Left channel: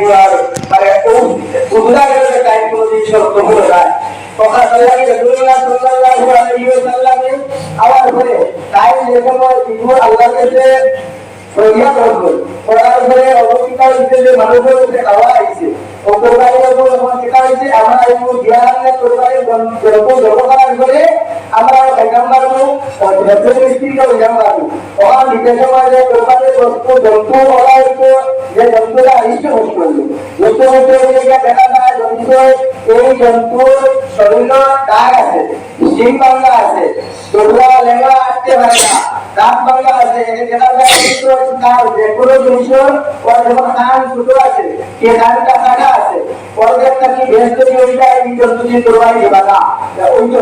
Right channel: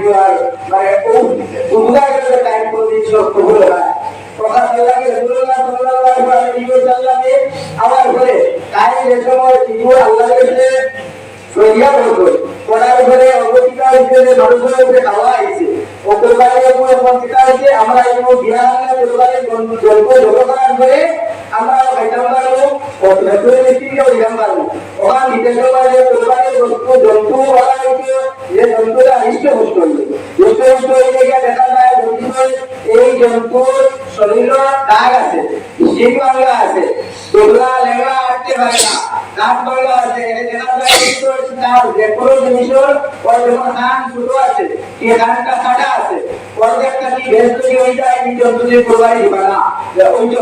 গুয়ার মানে ও উদা গেলে টাইম করে দিচ্ছে তো বলে না কথা সাল্লাল্লাহু রাসূলুল্লাহ সাল্লাল্লাহু আলাইহি ওয়াসাল্লামে আমার হয়েছে হয়েছে আমরা জন্তু ওরা হইতো যে বস্তু হইলে দেখা যায় এই জন্তুর শরীর দাগ আছে, শিং বাংলা আছে তোমরা পারে না দাঁত বাংলা আছে দেখা যায় তার যে কোনো জিনিসের ওর যখন কান ছোট আছে কে কানটা কাটা আছে ওর যে একটা কি ভেজ তৈরি হয়ে যায় এই জন্তু কোরবানি দিবা না। ওই তো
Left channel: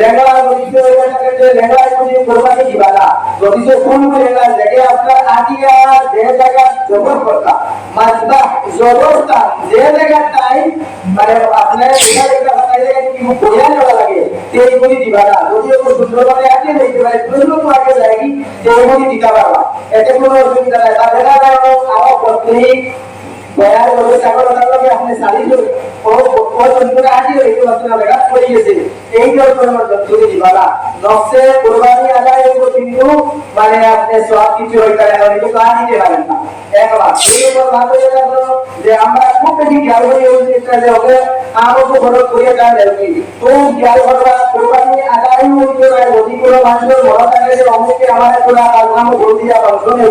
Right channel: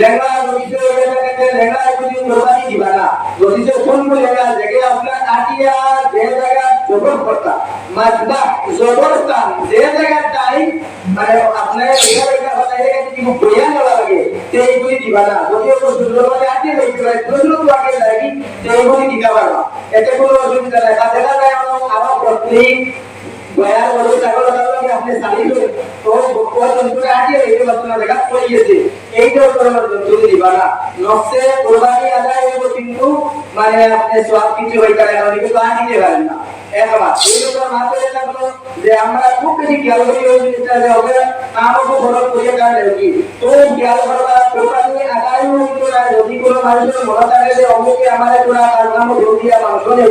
লেঙ্গা যদি হয়ে থাকে যে লেঙ্গা যদি কোরবানি দিবা না। যদি কোন লেঙ্গা জায়গায় আপনার আটিয়া যে জায়গা জবর করতা মাজদা জবরস্থান যে জায়গা টাইম মানে আপনার এখানে একটা কথা জায়গা যদি বইয়া নেওয়া লাগে সেইগুলি দিবা না। যদি একটু সুন্দরভাবে আটিয়ে দেখতে পারে প্রশ্ন তো আগে লাগি সেইগুলি দিতে পারবা। এতে কোনো অসুবিধা নাই। তা দেখা যায় আমার পত্রিক বয়ার বলে চাকর লাগে আপনি সারি করে ও ও জন্তুরা আটি এই বস্তু দেখা পড়ে গেছে। এই যে তোমার জন্তু দিবালা নফসে কুরবানি আদায় হইব কিন্তু মানে আপনি সব কিছু হইতে পারে কিন্তু কাজ দিতে পারেন না। একবার এই উপর ভাত হয়ে থাকল যে আমরা খুব বেশি খেয়াল করি ওই জিনিসটা যে হবে আমাকে ফলো করিয়ে কাজ কি। তো খেয়াল করবা, কুরবানি আদায় হইতে যদি মানুষের মনে অমুকে আমার কোনো কাজ নাম ভুল দিয়া মাংস নেই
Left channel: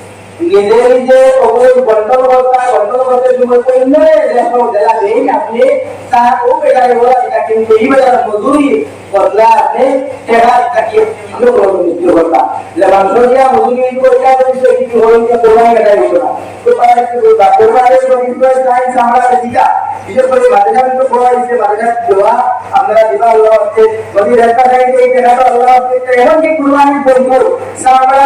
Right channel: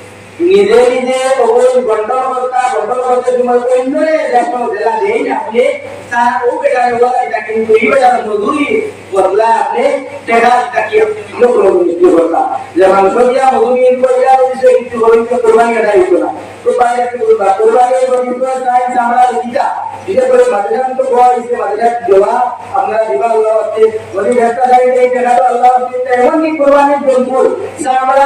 নিজে নিজে ওই বন্টন কর্তা বন্টন করতে সময় অন্যরে যখন জেলা দেন আপনি তার ও বেটারে বলা, এটা কিন্তু এই বেটার মজুরি বদলা আপনি টেকা তাকে কিলো করে নিতে করতা যে মাংস দিয়া মজুরি করিয়া দিছে কিছু হইতে কোরবানি এটা হইতো না। তো পারে কি কোরবানি যদি তো চাই আমরা দিতা। বিশেষ করে মাদ্রাসা তো বলা হয়েছে মাদ্রাসা দেওয়া? আপনারা দিবা আল্লাহ হচ্ছে, যদি রেস্তা চাই এই টাকাটা আল্লাহ হচ্ছে এমন কি কোরবানির বলব আমরা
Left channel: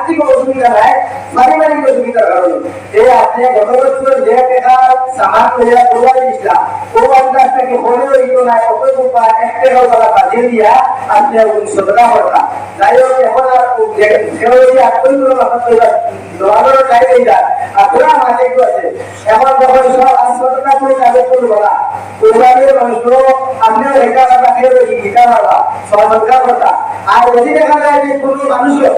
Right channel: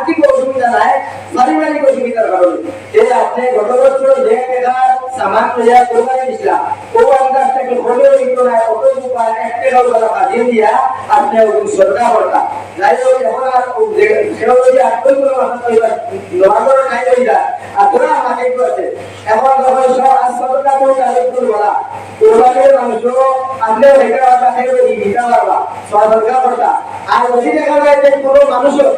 আর্থিক অসুবিধা নাই, পারিবারিক অসুবিধার কারণে যে আপনি গত বছর সামান লইয়া কোরবানি দিছিলাম ও আন্দাজটাকে হলে হইত না এক তারা দিয়া আপনি যাই হোক, এখন আর সেও আপনারা আমাকে একটু আছে। এখন যখন সব কাজে রাখা খেয়ে করতা। আর যদি দেখা যায় যে কোনো মানুষও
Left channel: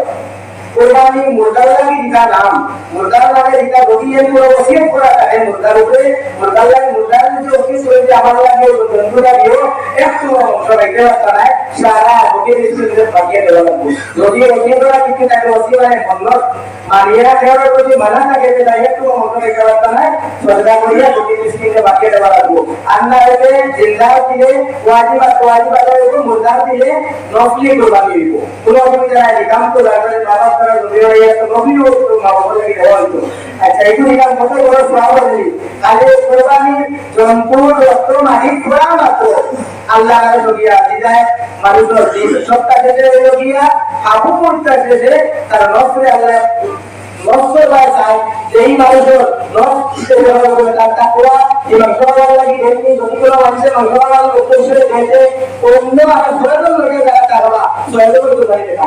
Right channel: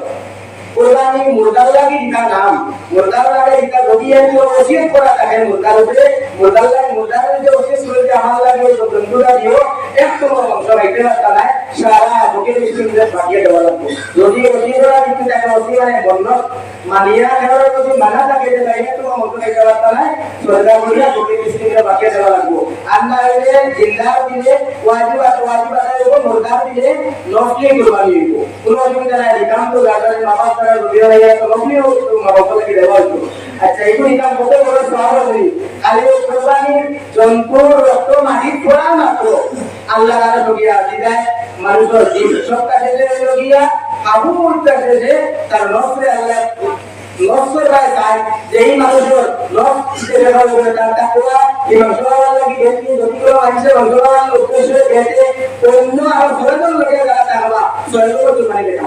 কোরবানি মুরগার লাগি দিতা নাম। মুরগার লাগে দিতা এর পুরো ওসিয়ত করা থাকে। মুরগার উপরে মুরগার লাগে মুরগার যে ওসিয়ত আমার লাগে জন্তুটা দিও একটু পারতা না সারা ওকে দৃষ্টিতে পাঠিয়ে দেওয়া লাগবে যদি ওসিয়ত করা কিন্তু তাকে ওসিয়ত মানে বন্ধ মানিয়া খেয়াল যদি মানা থাকে তাই একটু অংশ রাখতে পারতা না সদা করিয়া ওকে দৃষ্টিতে পাঠিয়ে দেওয়া লাগবে আর না হলে জিন্দার দিলে ওয়াজিব ওয়াজিব আদায় হইব মুরগার দিলে নফলি কোরবানি হইব কোনো অসুবিধা নাই কাম তো লাগালে নামাজ পড়া যদি হয় তো নফলি মা বাবা দেওয়া হইব আচ্ছা এগুলি কাম কত বড় সওয়াব আছে খালি কোরবানি জন্তুর রক্ত মাটি ফোড়া মাত্র আল্লাহ নামে লগিয়া দিদায় মানুষের দিন সপ্তাহ শেষে লগিয়া আবু মুর্তা শেষে তার নফরে আল্লাহ নফসের ভাই চাই যেই মানুষের নফ হিসেবে ব্যবহার করে তার তাকওয়া এই মাংস খাওয়ার লাগি দেখি যদি কোনো মানুষের খাওয়ার উদ্দেশ্য দেখে অন্য আমার ফেরতের লোকে যারা তাহলে সহযোগ করতে পারি না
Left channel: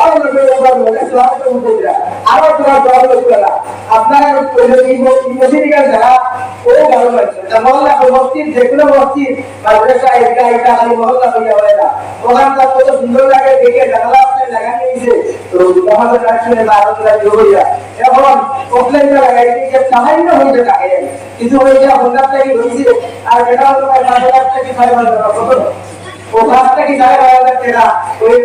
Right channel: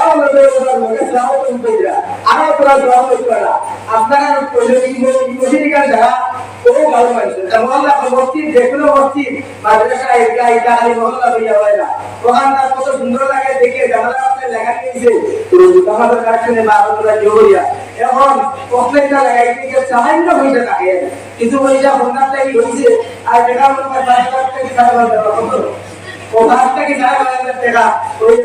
আরও আপনারা ওই যে এই মসজিদ যারা ও ভালো তা মহল্লা মসজিদ, যে কোনো মসজিদ, মাদ্রাসা হয় আপনার ওই